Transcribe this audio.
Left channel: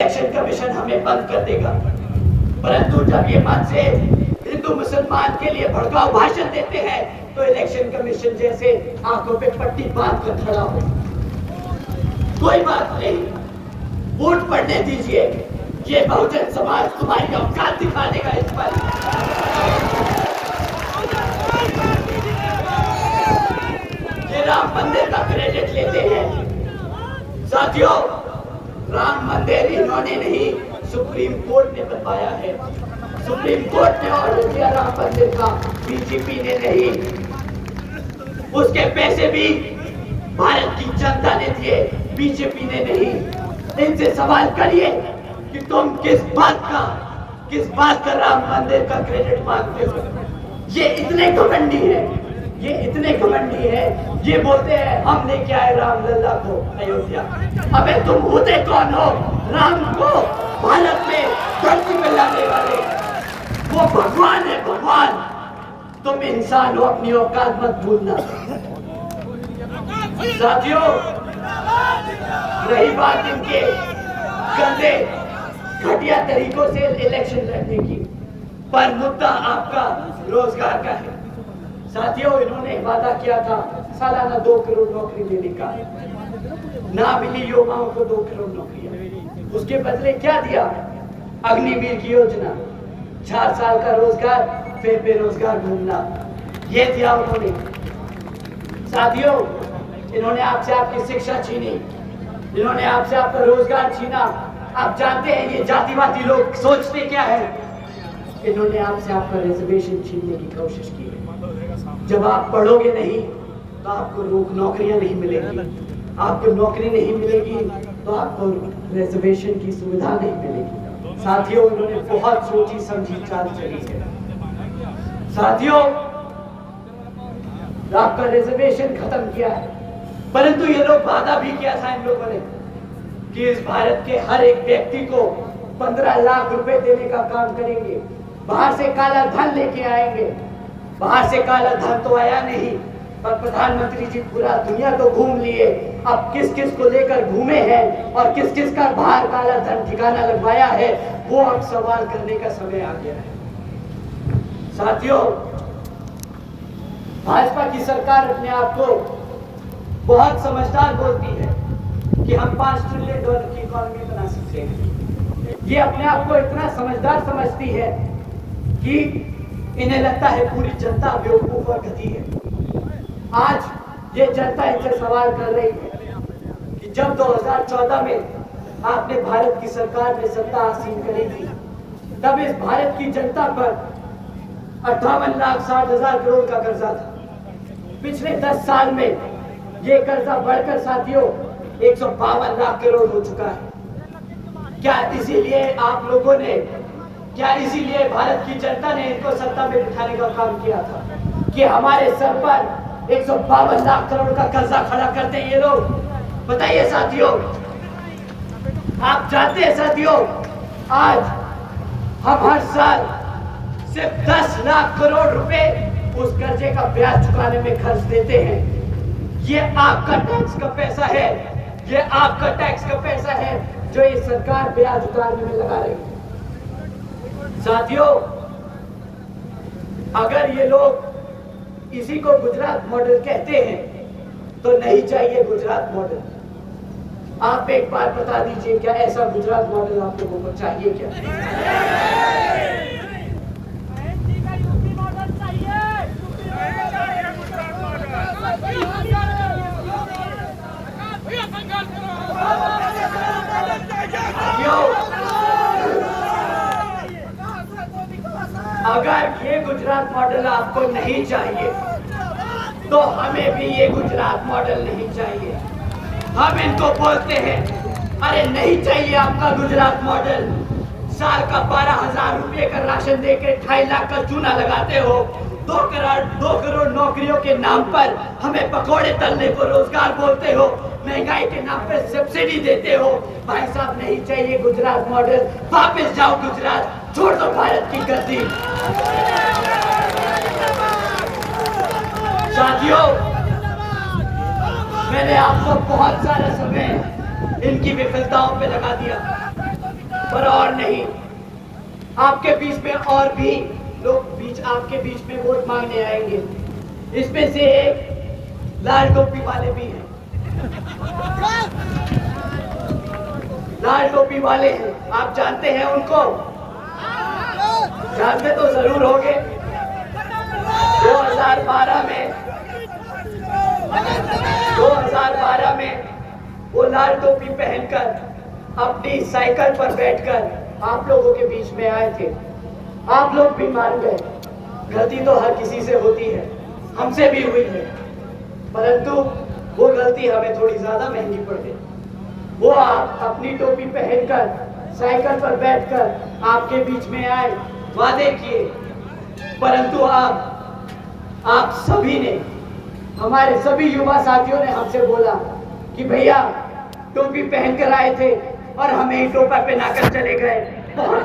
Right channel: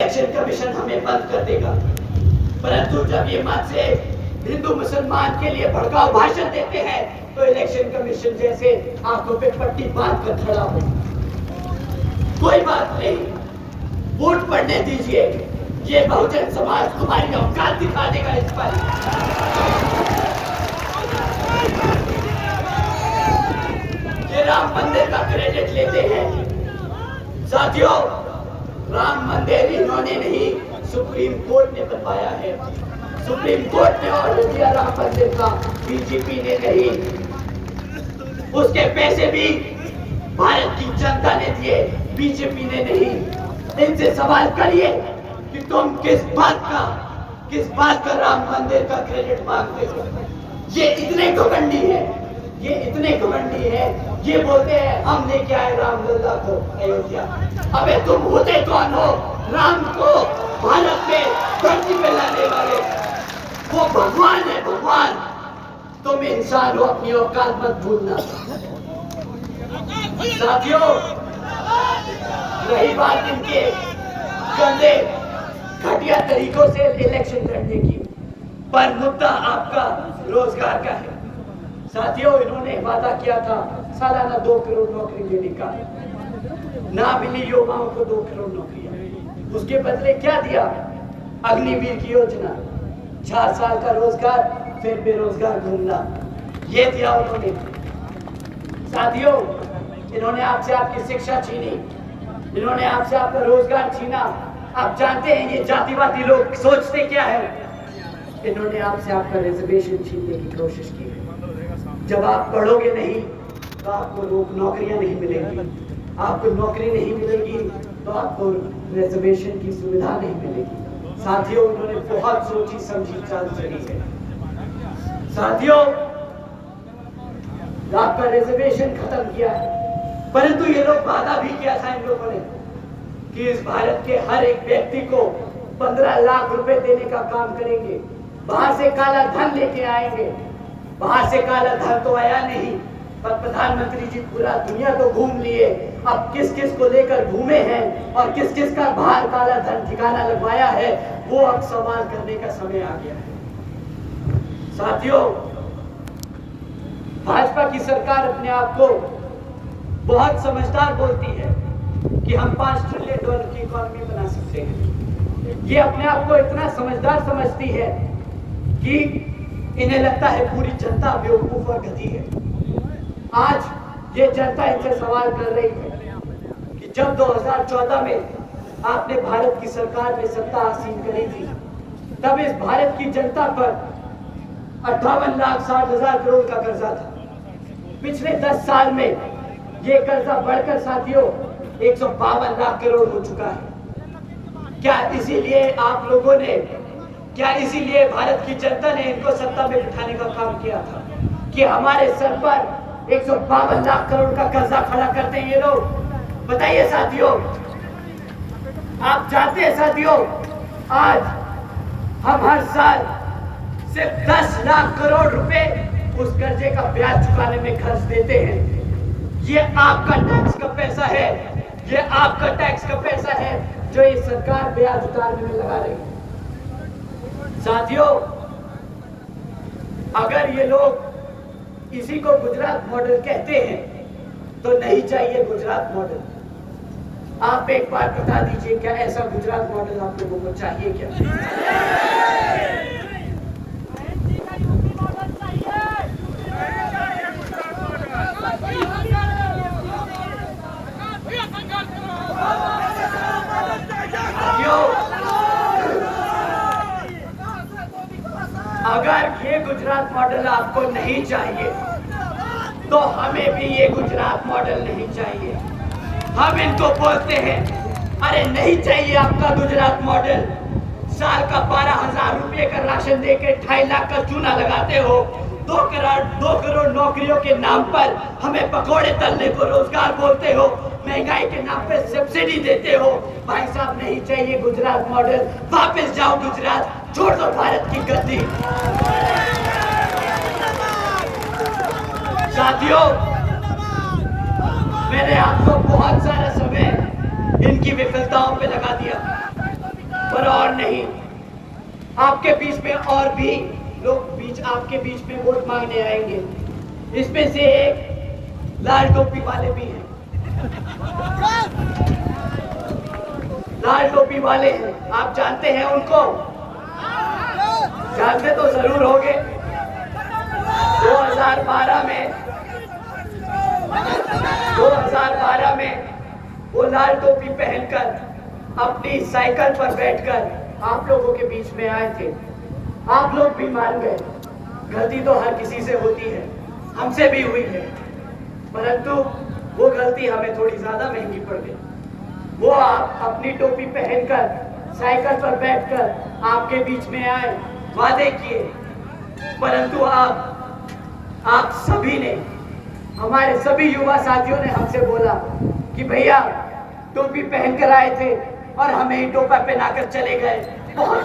Election commission हमें बंद कर देगा, परंतु जब ये मन से हिंदू मुसलमान के लिए भड़काऊ भाषण देते हैं तो इलेक्शन कमीशन जैसे आंखों पे पट्टी बांध कर खड़ा हो। कोई बात नहीं, वोट पड़ने दीजिए, ये बहुजन समाज तुम्हारी औकात दिखा देगा इस पर। ये राम मंदिर का क्रेडिट लेते हैं। साथियों, राम मंदिर इन्होंने नहीं, सुप्रीम कोर्ट ने बनवाया है। सुप्रीम कोर्ट ने ऑर्डर दिया राम मंदिर का, बीजेपी ने नहीं। उसके पैसे भी भारत की जनता ने दिए, बीजेपी ने नहीं। इनसे सवाल करिए कि तुम किस बात का राम मंदिर का क्रेडिट मांगते हो। ये इतने घमंडी है, ये बोलते हैं हम लेके आए रामलला को अयोध्या। अबे तुम होते कौन हो राम को भारत में धरती पे लाने वाले? वो भगवान है, भगवान। तुम इंसान हो, अपनी औकात मत भूलना। साथियों, रही बात इनके गंदे घटिया तरीकों से इलेक्शन लड़ने की, पर मुद्दा आपका रोजगार का है। साथियों, इन्होंने वादा किया था सालाना 2 करोड़ नौकरी देने का, ना मिली युवाओं को 2 करोड़ नौकरियां। उसके बदले क्या दिया? अग्निवीर की योजना, 4 साल का रोजगार, फिर बेरोजगार घूमना, ये दिया उन्होंने। साथियों, इन्होंने आपसे आपकी शिक्षा छीनी, इन्होंने आपसे आपका रोजगार छीना। आप जानते हैं ये जातिवादी लोग सोचते क्या है? इन्होंने आपसे आपका रिजर्वेशन छीनने की कोशिश की है। जब आप पढ़ोगे नहीं तो आपको नौकरियां नहीं मिलेगी, आपको नौकरी नहीं मिलेगी तो आपको रिजर्वेशन की सुविधा नहीं मिलेगी। साथियों, इन्होंने बहुत सोची समझी चाल चली है। साथियों, आपका रिजर्वेशन खत्म किया है, परंतु ये लोग वादा भी किया था इन लोगों ने कि इस भारत के हर एक व्यक्ति को 15 लाख रुपए देने का काम करेंगे, बाहर से काला धन लेके आएंगे। बाहर से काला धन तो आया नहीं, पर प्रधानमंत्री जी पूरा दुनिया तो घूम लिए। अब किस किस को लेकर घूमे हैं और किस किस का बाहर काला धन ठिकाना लगवाया है, वो अब सवाल करने का समय आ गया है। साथियों, भाजपा की सरकार अपने आप को बहुत समझदार बोलती है कि हम $5 ट्रिलियन की इकोनॉमी बना सकते हैं। ये अपने आप को इतना समझदार समझती है कि इन्हें लगता है पूरी जनता बेवकूफ और गधी है। आज ये जनता इनसे सवाल कर रही है कि जब 2014 में आपने भारत की सरकार में सत्ता आसीन करी थी, तब इस भारत की जनता पर 58,60,000 करोड़ का कर्जा था। पिछले 10 साल में ये कर्जा बढ़कर साथियों 152 लाख करोड़ हो चुका है। क्या इसीलिए भारत की जनता ने इनको सत्ता में बिठाने का काम किया था कि हमारे सर पर 152 लाख करोड़ का कर्जा खड़ा करते हैं ये लोग? बताइए साथियों, आप जानते हैं साथियों, आज हम हर साल सिर्फ 10 लाख करोड़ रुपए उस कर्जे का ब्याज चुकाने में खर्च देते हैं। ये आपका टैक्स का पैसा है, ये आपका टैक्स का पैसा है जो ये सरकार ब्याज उतारने में लगा रही है। साथियों, अगर ये लोग इसी को गुजरात मॉडल कहते हैं तो नहीं चाहिए गुजरात मॉडल। आप एक बार बता दीजिए, क्या ऐसा गुजरात मॉडल आप लोगों को चाहिए क्या? अगर ये गुजरात मॉडल आपको नहीं चाहिए तो हमें भी ये गुजरात मॉडल नहीं चाहिए। हम इनको बोलते हैं, अरे नहीं चाहिए आपका गुजरात मॉडल। साल का 12,000 रुपये का राशन देके 2.5 लाख का चूना लगाते हो, 2 करोड़ नौकरियों के नाम पर हमें पकोड़े तलने को रोजगार बोलते हो, महंगाई के नाम पर सब्सिडी देते हो। भाई साहब, नहीं चाहिए गुजरात मॉडल। वापस जाओ गुजरात, छोड़ दो भारत की गद्दी। साथियों, मैंने आपको बहुत सारा समय इनकी विफलताओं पे लगा दिया। पर और नहीं, आपके बीच में और भी लोग आपके बीच में वोट मांगने आएंगे। इसमें से एक लाल टोपी वाले भी हैं। लाल टोपी वाले हैं, आप जानते हैं उनको? जानते तो जरूर होंगे। 2012 में वो लाल टोपी पहनकर अपनी साइकिल पर बैठकर आप लोगों के बीच में आए थे। आप लोग भी मान गए। गलती तो हर किसी से होती है, हमसे भी हुई है, परंतु वो गलती हमें थोड़ी ज्यादा महंगी पड़ गई। वो आप अपनी टोपी पहनकर साइकिल पर बैठकर आपके बीच में आए, वादे किए, परंतु आप सभी ने, हमारे सभी युवा साथियों ने हमसे बोला कि भैया टोपी पहनकर आए थे और हमें ही टोपा पहनाकर चले गए। बहुत